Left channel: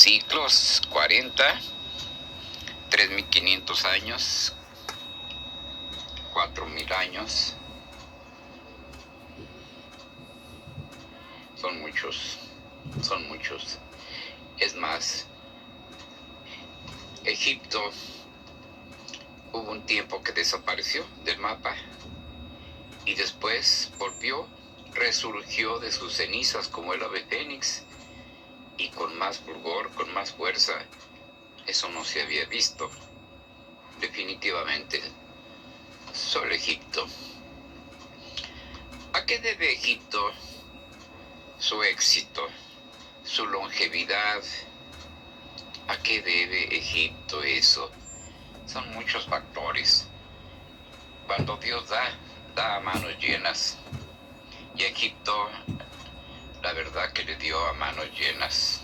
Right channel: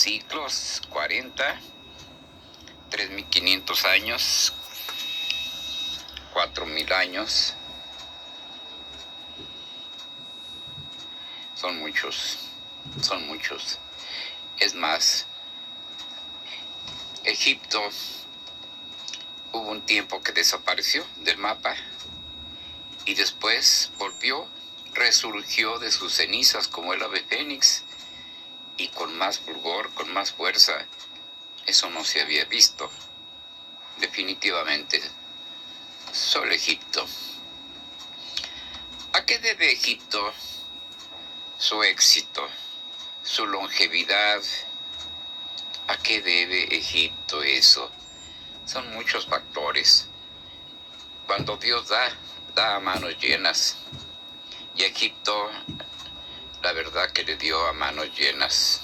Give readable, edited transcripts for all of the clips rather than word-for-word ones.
ciclos, 40, 3.500 años, 4.000 años. Son muchos. Es más, Egipto hubo un tiempo que desapareció del mapa y después volvió, resurgió de sus cenizas como el ave fénix y con más fulgor, con más fuerza. Eso no se había visto. Definitivamente, solo Egipto. ¿A qué debe Egipto su éxito, su longevidad? ¿A qué debe Egipto eso? Son muchos factores. Cuando Dios da a manos llenas. Y a Egipto, la verdad que le dio a manos llenas.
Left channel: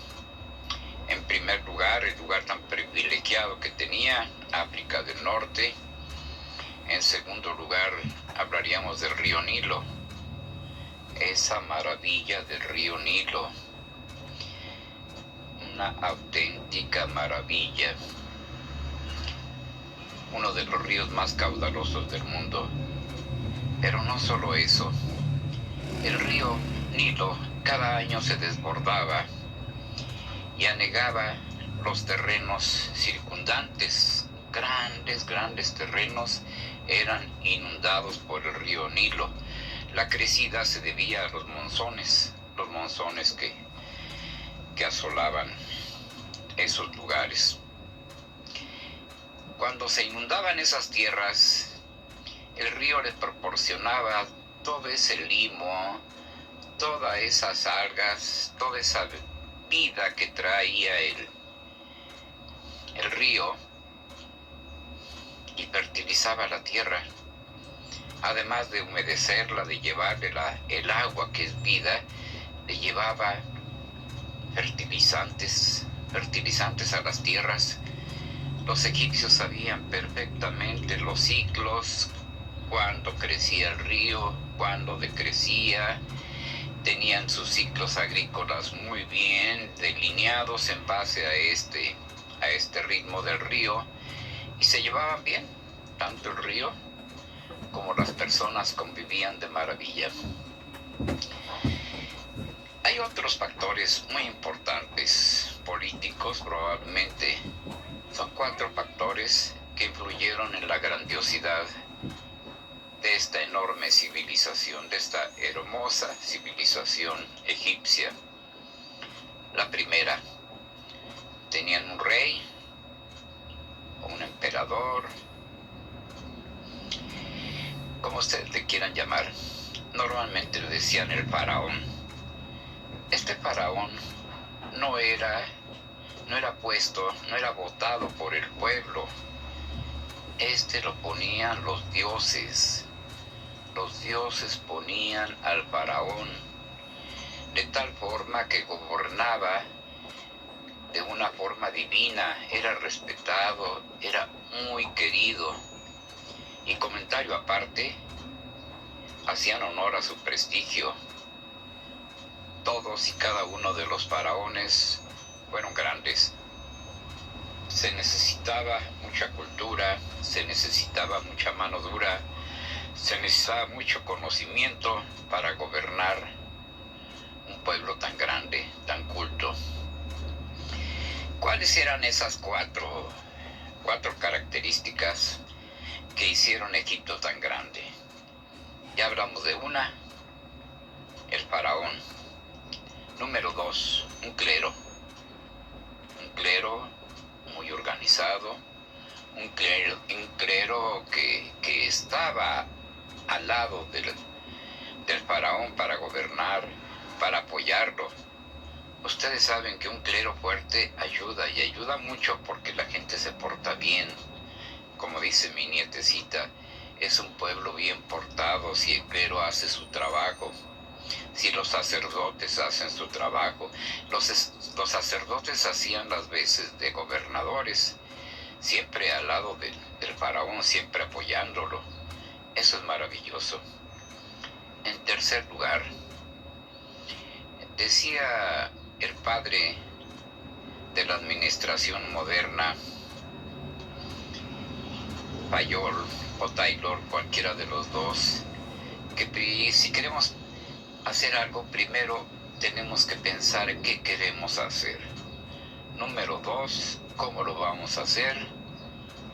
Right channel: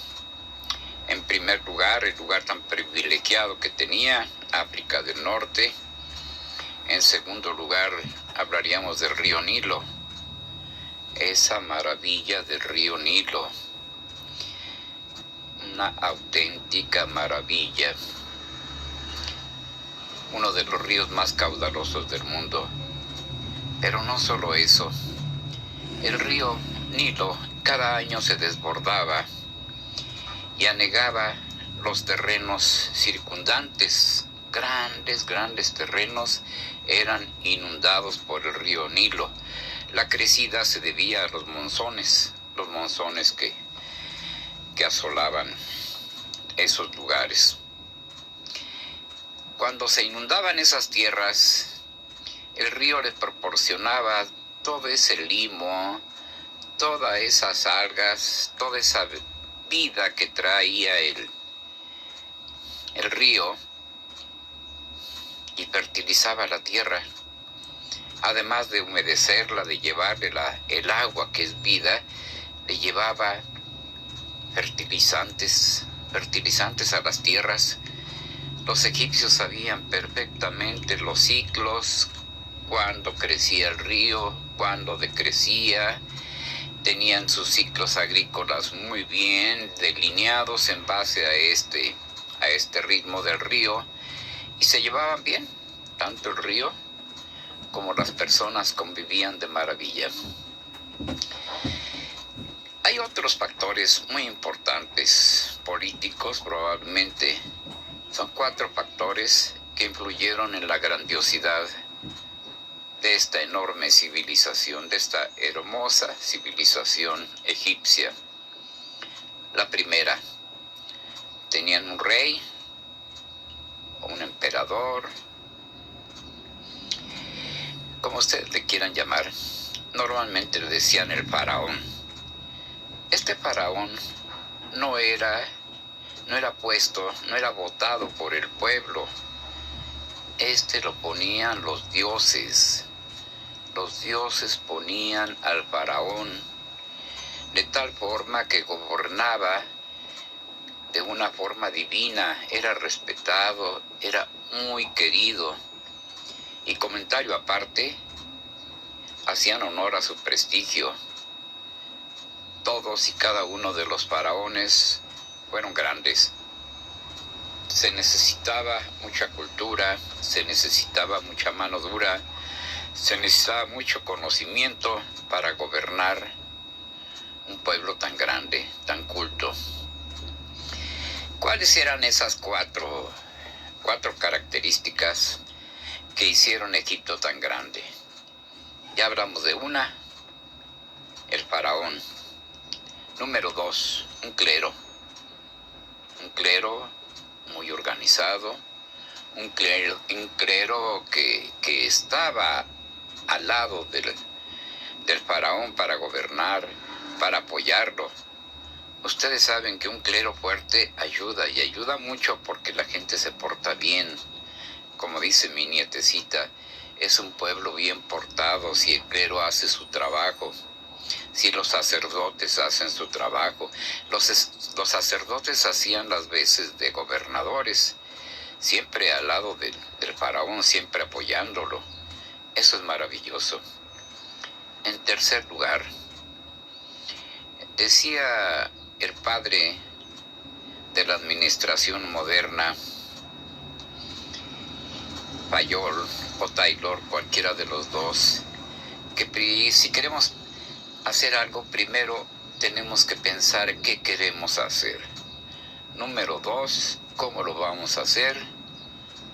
En primer lugar, el lugar tan privilegiado que tenía, África del Norte. En segundo lugar, hablaríamos del río Nilo. Esa maravilla del río Nilo. Una auténtica maravilla. Uno de los ríos más caudalosos del mundo. Pero no solo eso. El río Nilo cada año se desbordaba y anegaba los terrenos circundantes. Grandes terrenos eran inundados por el río Nilo. La crecida se debía a los monzones que asolaban esos lugares. Cuando se inundaban esas tierras, el río les proporcionaba todo ese limo, todas esas algas, toda esa vida que traía el río y fertilizaba la tierra. Además de humedecerla, de llevarle el agua que es vida, le llevaba fertilizantes a las tierras. Los egipcios sabían perfectamente los ciclos, cuándo crecía el río, cuándo decrecía. Tenían sus ciclos agrícolas muy bien delineados en base a este ritmo del río, y se llevaban bien, tanto el río como las personas convivían de maravilla. Hay otros factores muy importantes, políticos probablemente. Son 4 factores que influyeron en la grandiosidad de esta enorme civilización, de esta hermosa civilización egipcia. La primera, tenían un rey o un emperador, como ustedes le quieran llamar. Normalmente le decían el faraón. Este faraón no era votado por el pueblo. Lo ponían los dioses. Los dioses ponían al faraón de tal forma que gobernaba de una forma divina, era respetado, era muy querido. Y comentario aparte, hacían honor a su prestigio. Todos y cada uno de los faraones fueron grandes. Se necesitaba mucha cultura, se necesitaba mucha mano dura, se necesitaba mucho conocimiento para gobernar un pueblo tan grande, tan culto. ¿Cuáles eran esas cuatro características que hicieron Egipto tan grande? Ya hablamos de una, el faraón. Número 2, un clero muy organizado, un clero que estaba al lado del faraón para gobernar, para apoyarlo. Ustedes saben que un clero fuerte ayuda mucho porque la gente se porta bien. Como dice mi nietecita, es un pueblo bien portado si el clero hace su trabajo. Si los sacerdotes hacen su trabajo. Los sacerdotes hacían las veces de gobernadores, siempre al lado del faraón, siempre apoyándolo. Eso es maravilloso. En tercer lugar, decía el padre de la administración moderna, Fayol o Taylor, cualquiera de los dos, que si queremos hacer algo, primero tenemos que pensar qué queremos hacer. Número 2, cómo lo vamos a hacer.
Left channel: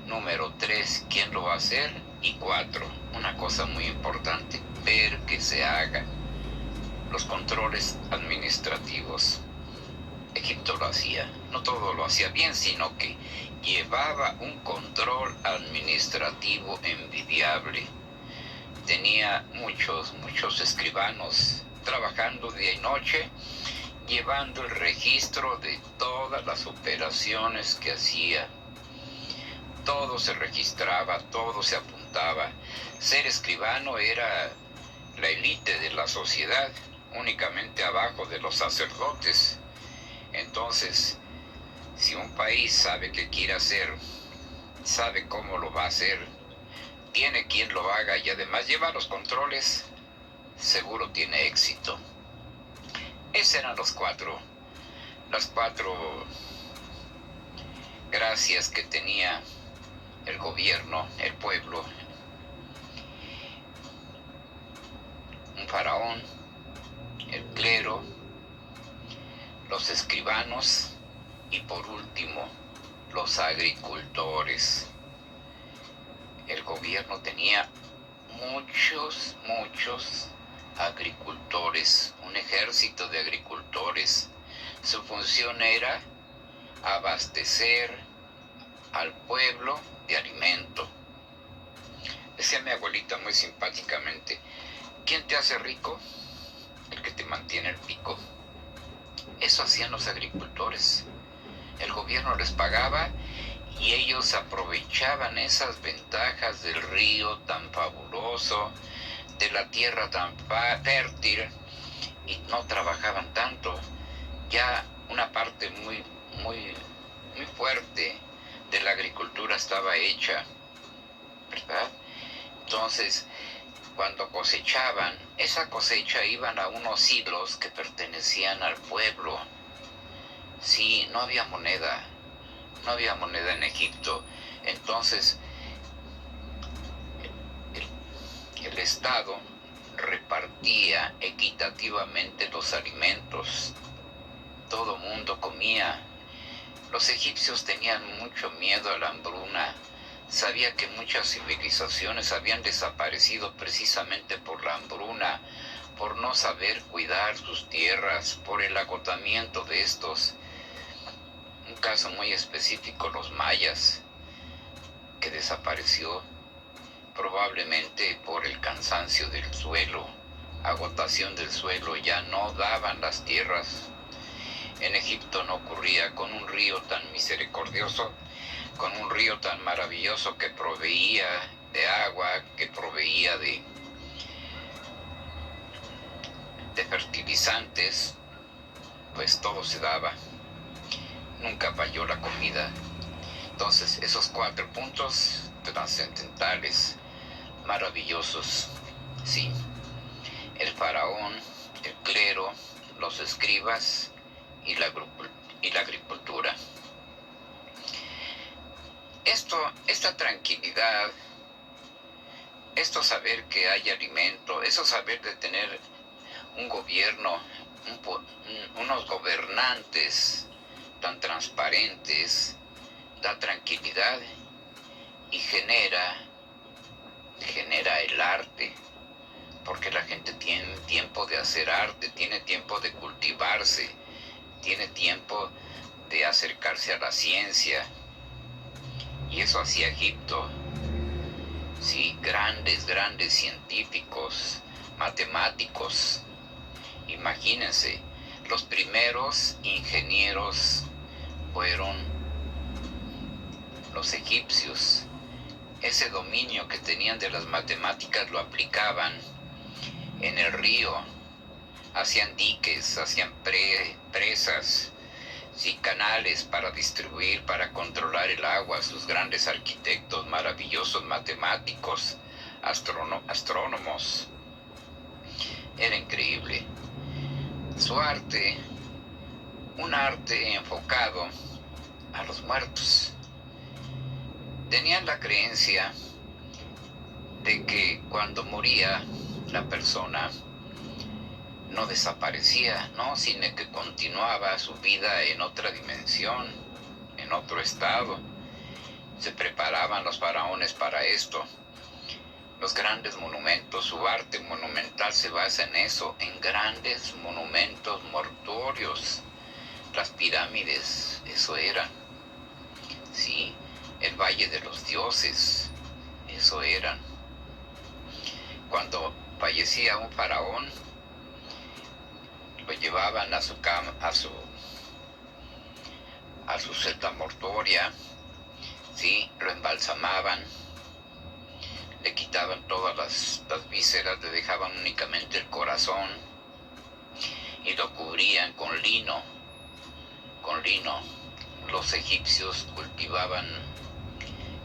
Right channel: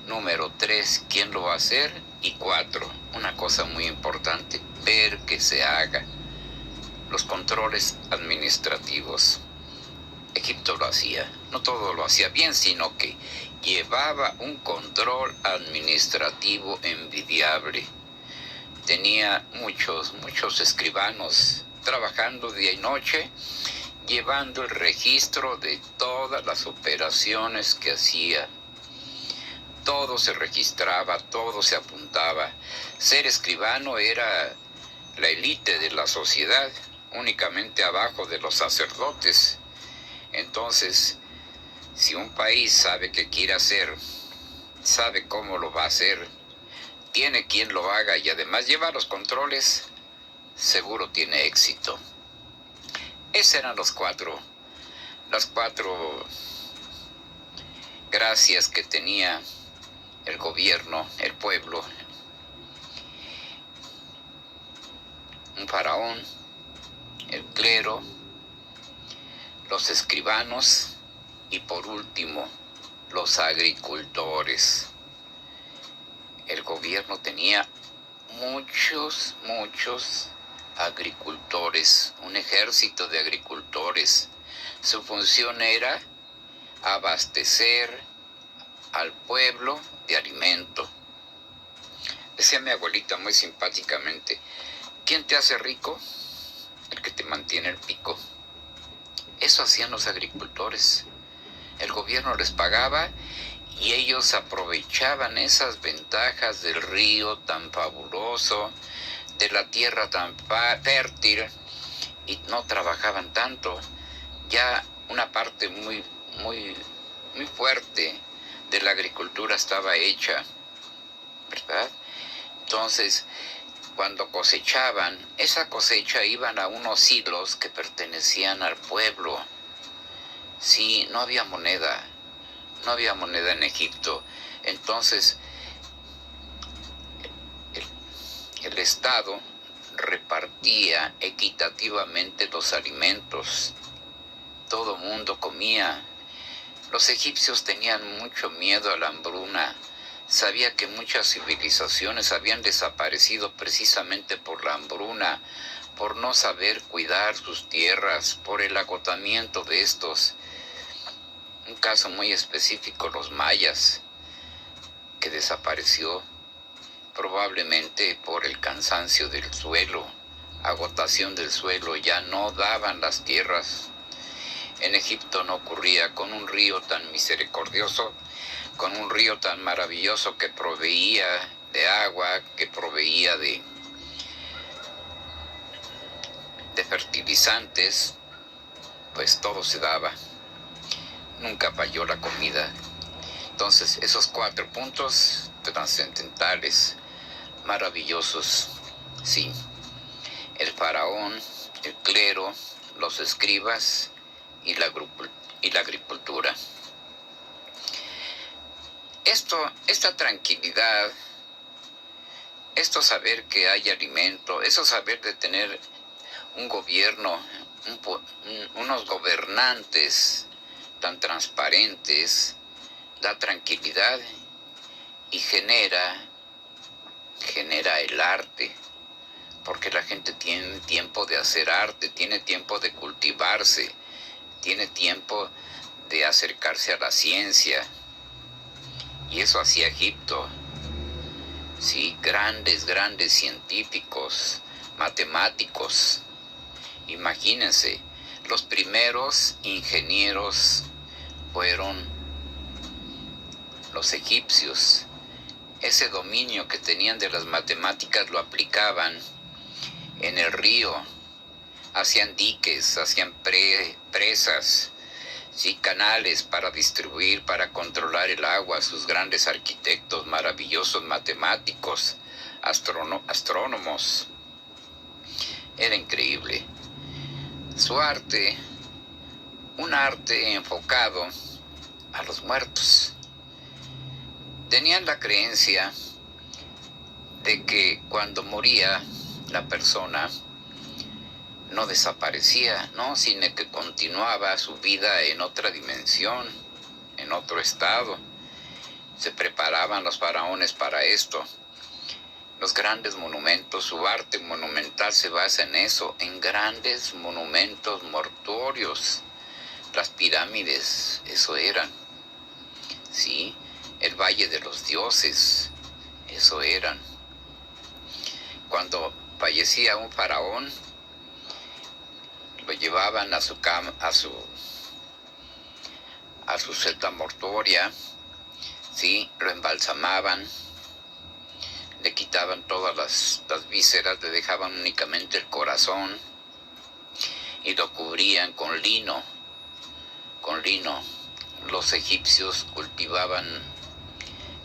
Número 3, quién lo va a hacer. Y 4, una cosa muy importante, ver que se haga. Los controles administrativos. Egipto lo hacía, no todo lo hacía bien, sino que llevaba un control administrativo envidiable. Tenía muchos escribanos trabajando día y noche, llevando el registro de todas las operaciones que hacía. Todo se registraba, todo se apuntaba. Ser escribano era la élite de la sociedad, únicamente abajo de los sacerdotes. Entonces, si un país sabe qué quiere hacer, sabe cómo lo va a hacer, tiene quien lo haga y además lleva los controles, seguro tiene éxito. Esas eran las cuatro gracias que tenía el gobierno, el pueblo. Un faraón, el clero, los escribanos y por último los agricultores. El gobierno tenía muchos agricultores, un ejército de agricultores. Su función era abastecer al pueblo de alimento. Decía mi abuelita muy simpáticamente, ¿quién te hace rico? El que te mantiene el pico. Eso hacían los agricultores. El gobierno les pagaba y ellos aprovechaban esas ventajas del río tan fabuloso, de la tierra tan fértil, y no trabajaban tanto. Ya una parte muy fuerte de la agricultura estaba hecha, ¿verdad? Entonces, cuando cosechaban, esa cosecha iban a unos hilos que pertenecían al pueblo. Sí, no había moneda en Egipto. Entonces, el Estado repartía equitativamente los alimentos. Todo mundo comía. Los egipcios tenían mucho miedo a la hambruna. Sabía que muchas civilizaciones habían desaparecido precisamente por la hambruna, por no saber cuidar sus tierras, por el agotamiento de estos. Un caso muy específico, los mayas, que desapareció probablemente por el cansancio del suelo, agotación del suelo, ya no daban las tierras. En Egipto no ocurría, con un río tan misericordioso, con un río tan maravilloso que proveía de agua, que proveía de fertilizantes, pues todo se daba. Nunca falló la comida. Entonces, esos 4 puntos trascendentales, maravillosos, sí. El faraón, el clero, los escribas y la agricultura. Esta tranquilidad, esto saber que hay alimento, eso saber de tener un gobierno, unos gobernantes tan transparentes, da tranquilidad y genera el arte, porque la gente tiene tiempo de hacer arte, tiene tiempo de cultivarse, tiene tiempo de acercarse a la ciencia. Y eso hacía Egipto. Sí, grandes científicos, matemáticos. Imagínense, los primeros ingenieros fueron los egipcios. Ese dominio que tenían de las matemáticas lo aplicaban en el río. Hacían diques, hacían presas, sí, canales para distribuir, para controlar el agua. Sus grandes arquitectos, maravillosos matemáticos, astrónomos. Era increíble. Su arte, un arte enfocado a los muertos. Tenían la creencia de que cuando moría la persona no desaparecía, ¿no? Sino que continuaba su vida en otra dimensión, en otro estado. Se preparaban los faraones para esto. Los grandes monumentos, su arte monumental se basa en eso, en grandes monumentos mortuorios. Las pirámides, eso eran, ¿sí? El Valle de los Dioses, eso eran. Cuando fallecía un faraón, lo llevaban a su cama, a su celda mortuoria, ¿sí? Lo embalsamaban, le quitaban todas las vísceras, le dejaban únicamente el corazón y lo cubrían con lino. Con lino. Los egipcios cultivaban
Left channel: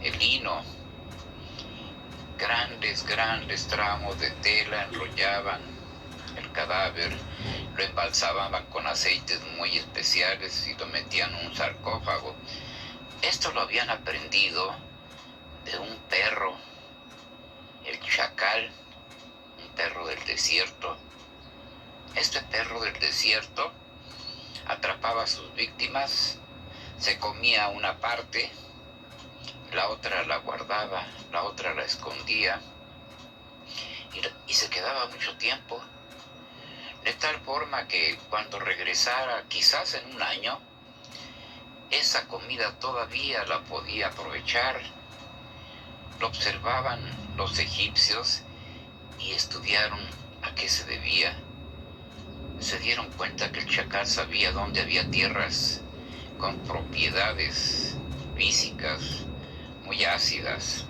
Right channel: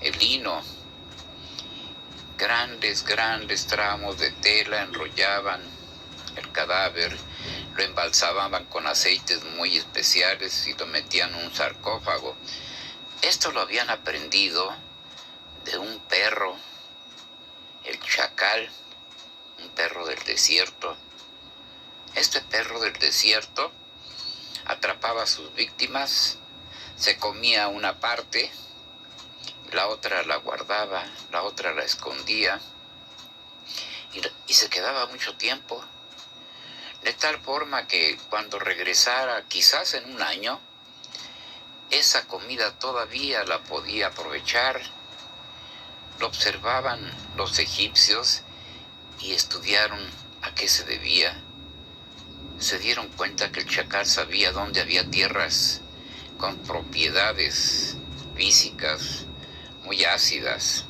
el lino. Grandes tramos de tela enrollaban el cadáver, lo embalsamaban con aceites muy especiales y lo metían en un sarcófago. Esto lo habían aprendido de un perro, el chacal, un perro del desierto. Este perro del desierto atrapaba a sus víctimas, se comía una parte, la otra la guardaba, la otra la escondía y se quedaba mucho tiempo, de tal forma que cuando regresara, quizás en un año, esa comida todavía la podía aprovechar. Lo observaban los egipcios y estudiaron a qué se debía. Se dieron cuenta que el chacal sabía dónde había tierras con propiedades físicas muy ácidas,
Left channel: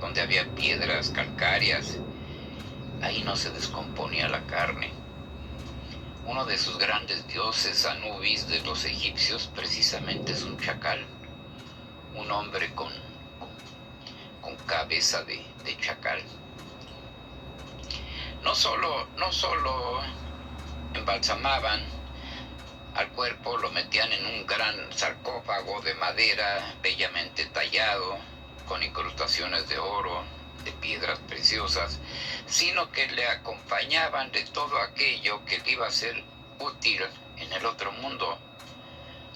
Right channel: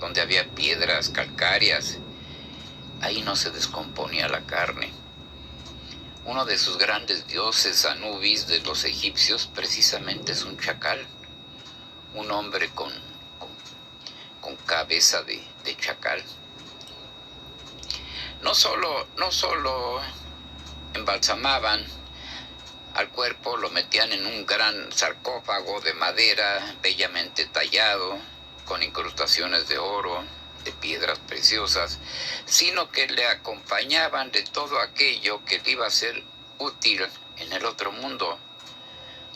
donde había piedras calcáreas. Ahí no se descomponía la carne. Uno de sus grandes dioses, Anubis, de los egipcios, precisamente es un chacal, un hombre con cabeza de chacal. No solo embalsamaban al cuerpo, lo metían en un gran sarcófago de madera bellamente tallado, con incrustaciones de oro, de piedras preciosas, sino que le acompañaban de todo aquello que le iba a ser útil en el otro mundo.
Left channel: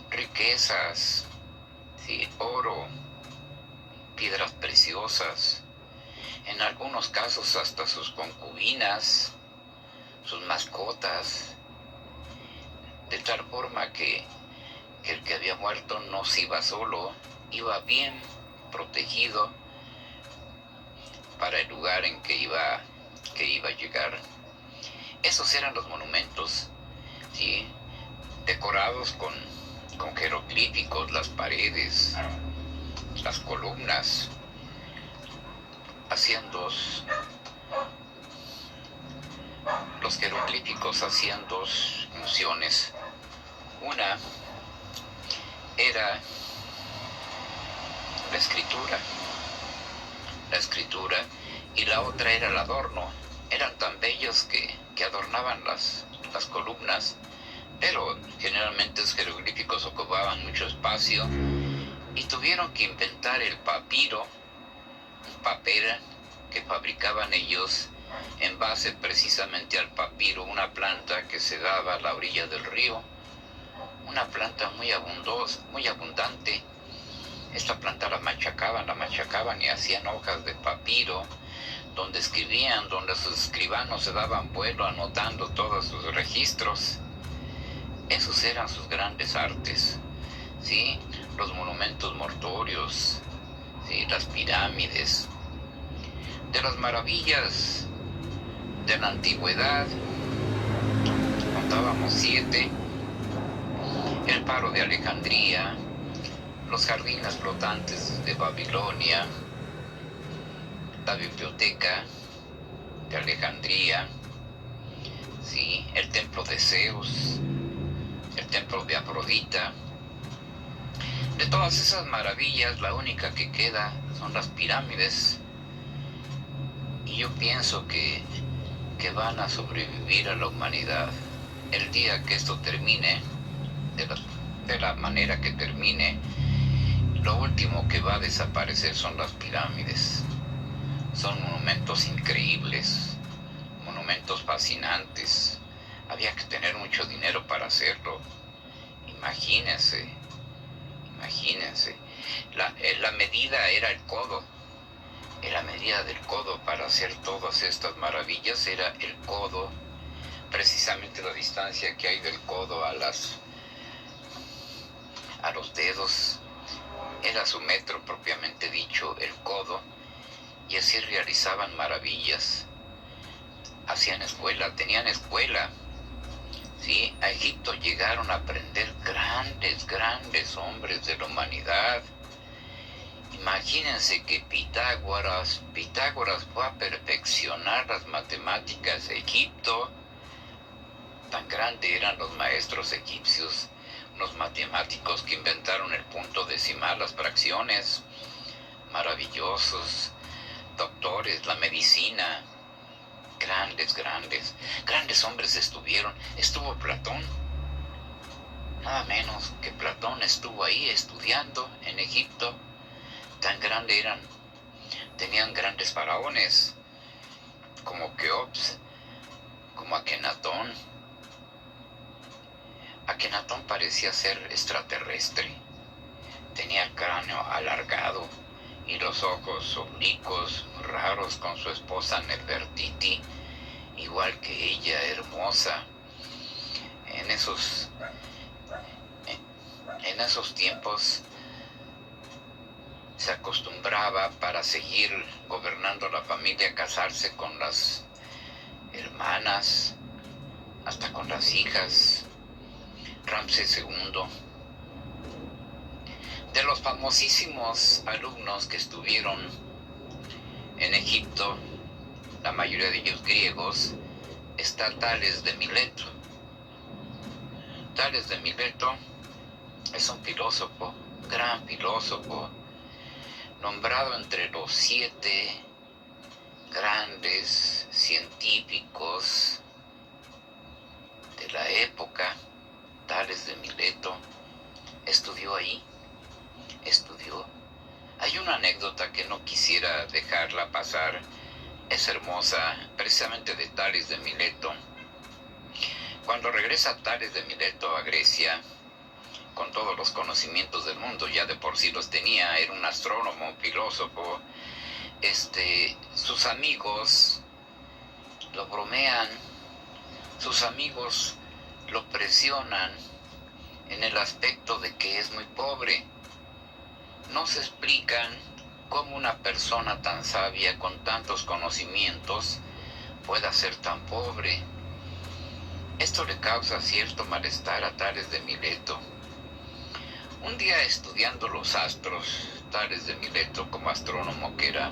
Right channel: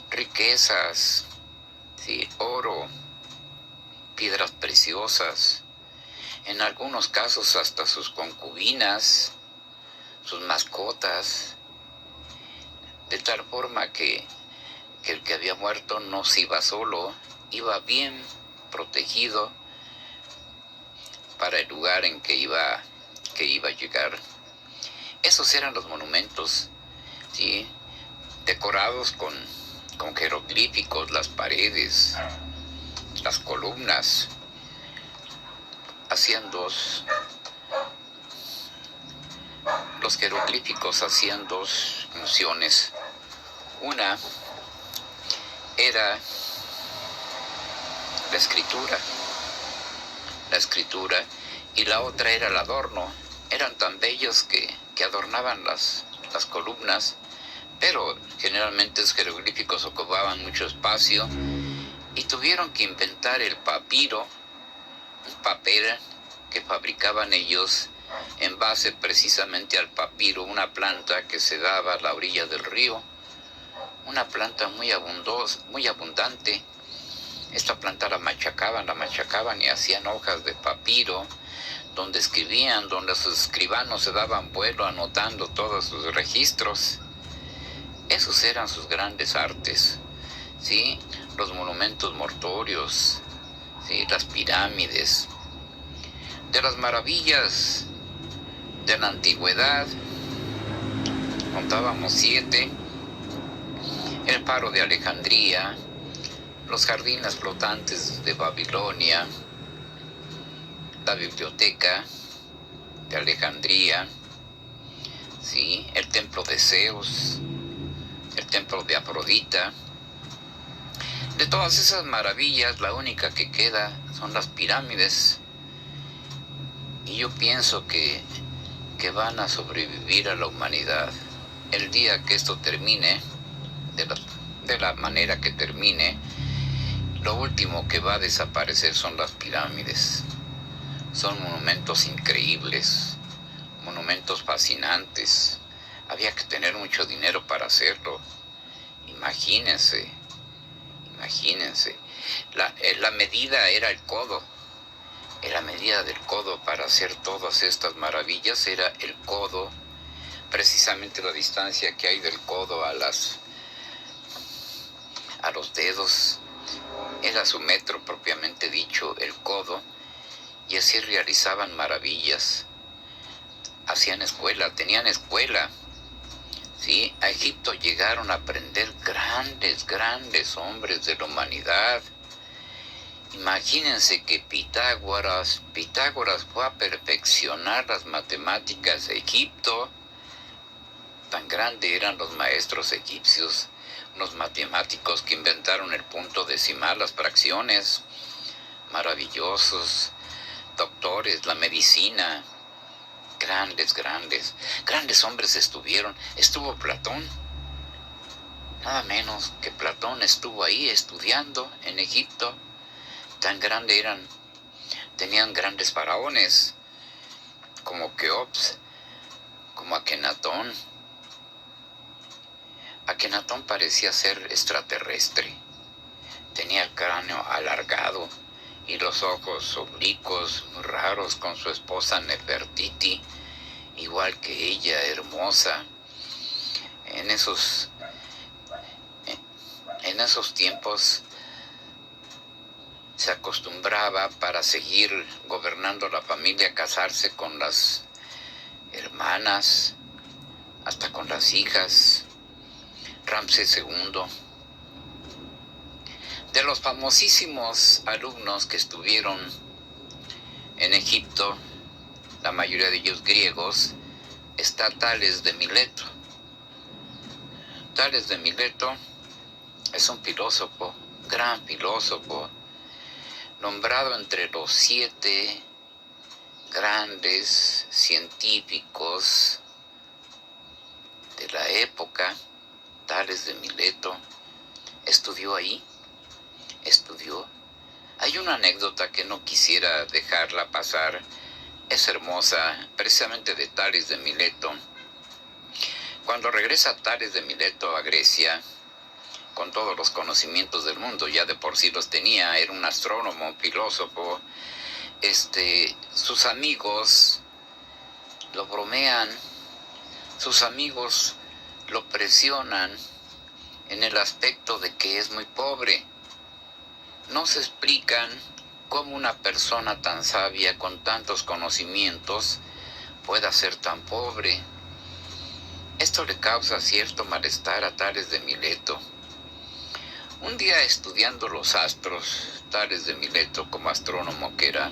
Riquezas, ¿sí? Oro, piedras preciosas, en algunos casos hasta sus concubinas, sus mascotas, de tal forma que el que había muerto no se iba solo, iba bien protegido para el lugar en que iba a llegar. Esos eran los monumentos, ¿sí? Decorados con jeroglíficos, las paredes, las columnas. Los jeroglíficos hacían dos funciones. Una era la escritura, y la otra era el adorno. Eran tan bellos que adornaban las columnas, pero generalmente los jeroglíficos ocupaban mucho espacio y tuvieron que inventar el papiro, un papel que fabricaban ellos en base precisamente al papiro, una planta que se daba a la orilla del río, una planta muy abundante. Esta planta la machacaban y hacían hojas de papiro, donde escribían, donde sus escribanos se daban vuelo anotando todos sus registros. Esos eran sus grandes artes, ¿sí? Los monumentos mortuorios, ¿sí? Las pirámides. De las maravillas de la antigüedad, contábamos 7, el Faro de Alejandría, los jardines flotantes de Babilonia, la biblioteca de Alejandría, ¿sí? El templo de Zeus, el templo de Afrodita. De todas esas maravillas, la única que queda son las pirámides. Y yo pienso que van a sobrevivir a la humanidad. El día que esto termine, de la manera que termine, Lo último que va a desaparecer son las pirámides. Son monumentos increíbles, monumentos fascinantes. Había que tener mucho dinero para hacerlo. Imagínense, imagínense. La medida era el codo. La medida del codo para hacer todas estas maravillas era el codo. Precisamente la distancia que hay del codo a los dedos era su metro propiamente dicho, el codo, y así realizaban maravillas. Hacían escuela, tenían escuela. ¿Sí? A Egipto llegaron a aprender grandes hombres de la humanidad. Imagínense que Pitágoras fue a perfeccionar las matemáticas de Egipto. Tan grande eran los maestros egipcios, los matemáticos que inventaron el punto decimal, las fracciones, maravillosos, doctores, la medicina, grandes hombres estuvo Platón, nada menos que Platón estuvo ahí estudiando en Egipto, tan grande eran, tenían grandes faraones, como Keops, como Akenatón. Akenatón parecía ser extraterrestre, tenía el cráneo alargado y los ojos oblicuos, raros, con su esposa Nefertiti, igual que ella, hermosa. En esos tiempos se acostumbraba, para seguir gobernando la familia, a casarse con las hermanas, hasta con las hijas. Ramsés II. De los famosísimos alumnos que estuvieron en Egipto, la mayoría de ellos griegos, está Tales de Mileto. Tales de Mileto es un filósofo, gran filósofo, nombrado entre los 7 grandes científicos de la época. Tales de Mileto estudió ahí, Hay una anécdota que no quisiera dejarla pasar, es hermosa, precisamente de Tales de Mileto. Cuando regresa Tales de Mileto a Grecia, con todos los conocimientos del mundo, ya de por sí los tenía, era un astrónomo, filósofo, sus amigos lo bromean, sus amigos lo presionan en el aspecto de que es muy pobre. No se explican cómo una persona tan sabia, con tantos conocimientos, pueda ser tan pobre. Esto le causa cierto malestar a Tales de Mileto. Un día, estudiando los astros, Tales de Mileto, como astrónomo que era,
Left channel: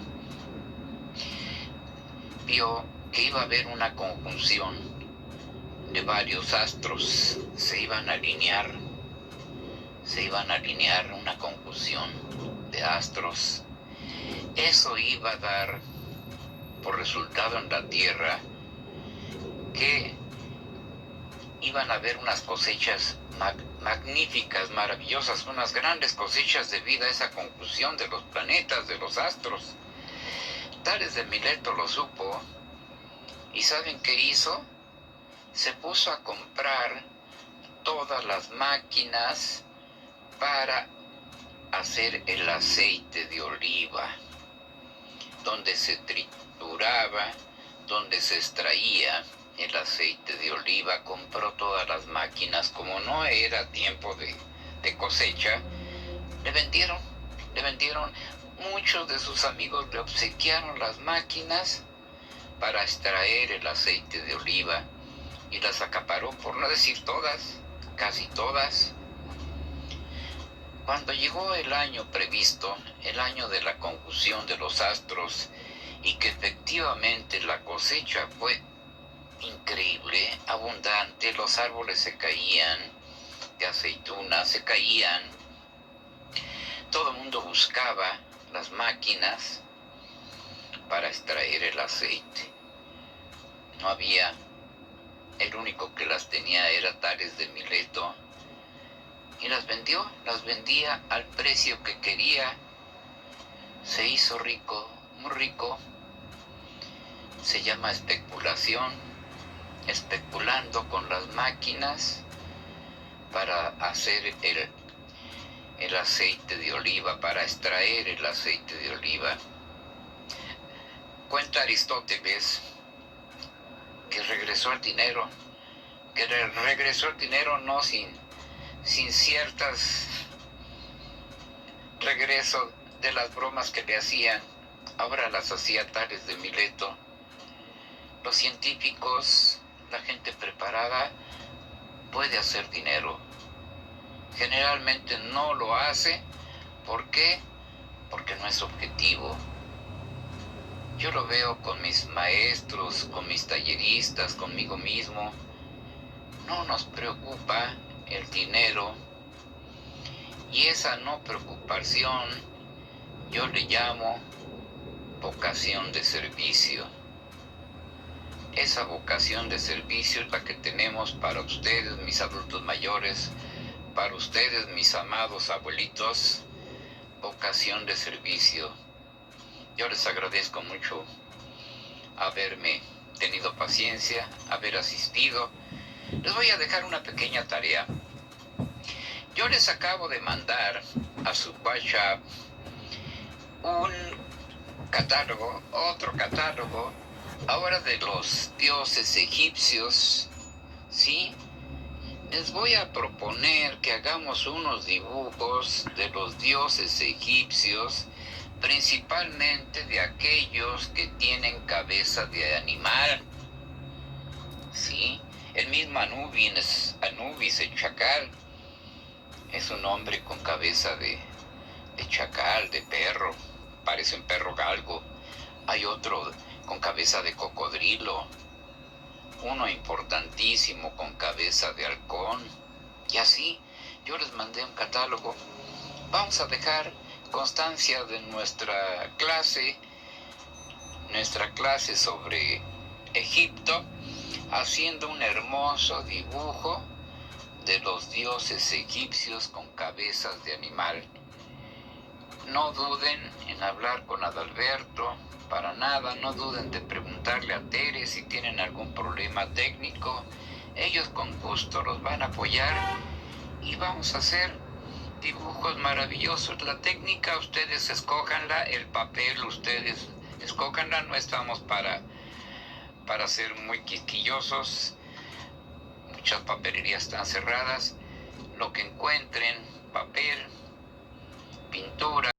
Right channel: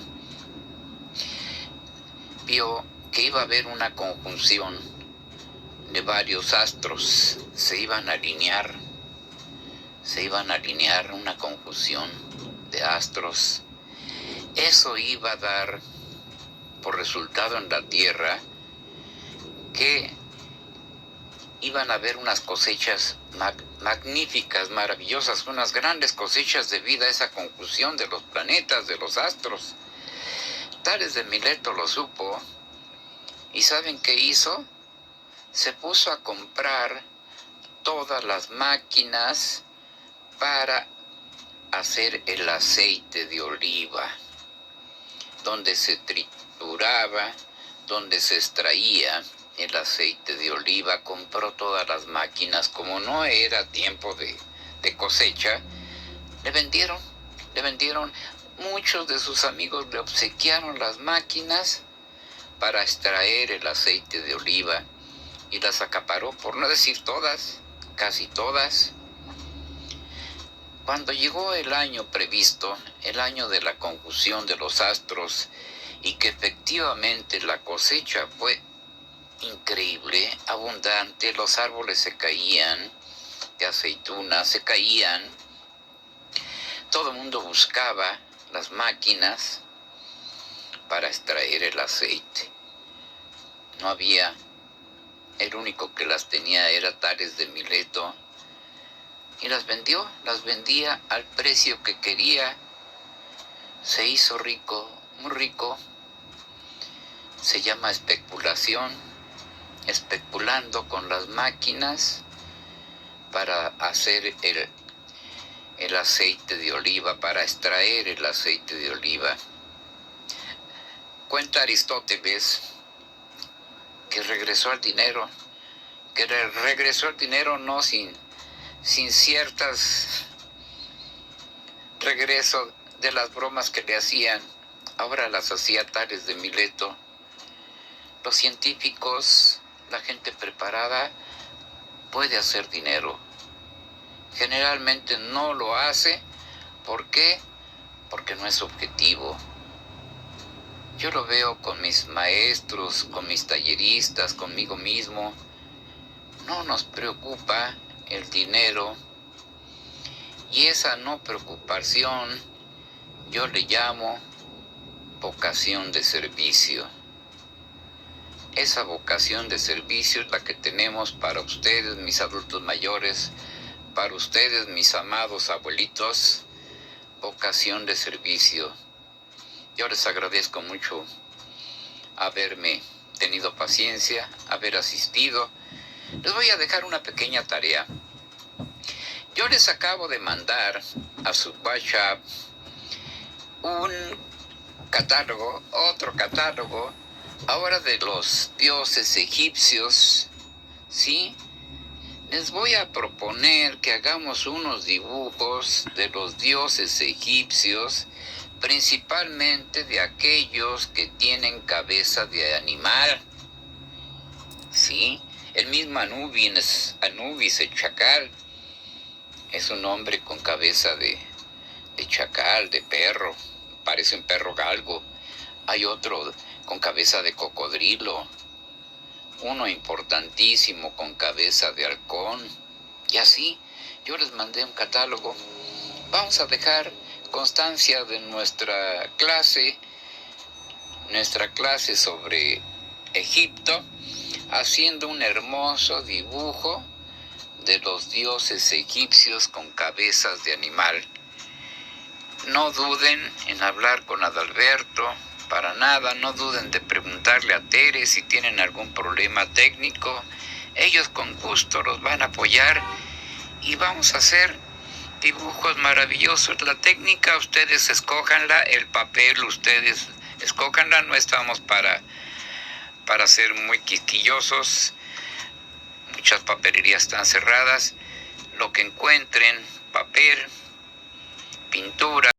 vio que iba a haber una conjunción de varios astros, se iban a alinear una conjunción de astros. Eso iba a dar por resultado en la Tierra que iban a haber unas cosechas magníficas, maravillosas, unas grandes cosechas debido a esa conjunción de los planetas, de los astros. Tales de Mileto lo supo, y ¿saben qué hizo? Se puso a comprar todas las máquinas para hacer el aceite de oliva, donde se trituraba, donde se extraía el aceite de oliva. Compró todas las máquinas. Como no era tiempo de cosecha, le vendieron. Muchos de sus amigos le obsequiaron las máquinas para extraer el aceite de oliva, y las acaparó, por no decir todas, casi todas. Cuando llegó el año previsto, el año de la conjunción de los astros, y que efectivamente la cosecha fue increíble, abundante, los árboles se caían, de aceitunas se caían, todo el mundo buscaba las máquinas para extraer el aceite. No había, el único que las tenía era Tales de Mileto. y las vendía al precio que quería. Se hizo rico, muy rico. Se llama especulación, especulando con las máquinas para hacer el aceite de oliva, para extraer el aceite de oliva. Cuenta Aristóteles que regresó al dinero, no sin ciertas regreso de las bromas que le hacían. Ahora las hacía Tales de Mileto. Los científicos, la gente preparada, puede hacer dinero. Generalmente no lo hace. ¿Por qué? Porque no es objetivo. Yo lo veo con mis maestros, con mis talleristas, conmigo mismo. No nos preocupa el dinero. Y esa no preocupación yo le llamo vocación de servicio. Esa vocación de servicio es la que tenemos para ustedes, mis adultos mayores, para ustedes, mis amados abuelitos, vocación de servicio. Yo les agradezco mucho haberme tenido paciencia, haber asistido. Les voy a dejar una pequeña tarea. Yo les acabo de mandar a su WhatsApp un catálogo, otro catálogo, ahora de los dioses egipcios, ¿sí? Les voy a proponer que hagamos unos dibujos de los dioses egipcios, principalmente de aquellos que tienen cabeza de animal, ¿sí? El mismo Anubis, el chacal, es un hombre con cabeza de chacal, de perro, parece un perro galgo. Hay otro con cabeza de cocodrilo, uno importantísimo con cabeza de halcón, y así. Yo les mandé un catálogo. Vamos a dejar constancia de nuestra clase sobre Egipto, haciendo un hermoso dibujo de los dioses egipcios con cabezas de animal. No duden en hablar con Adalberto, para nada. No duden de preguntarle a Tere si tienen algún problema técnico. Ellos con gusto los van a apoyar y vamos a hacer dibujos maravillosos. La técnica ustedes escójanla, el papel ustedes escójanla. No estamos para ser muy quisquillosos. Muchas papelerías están cerradas. Lo que encuentren, papel,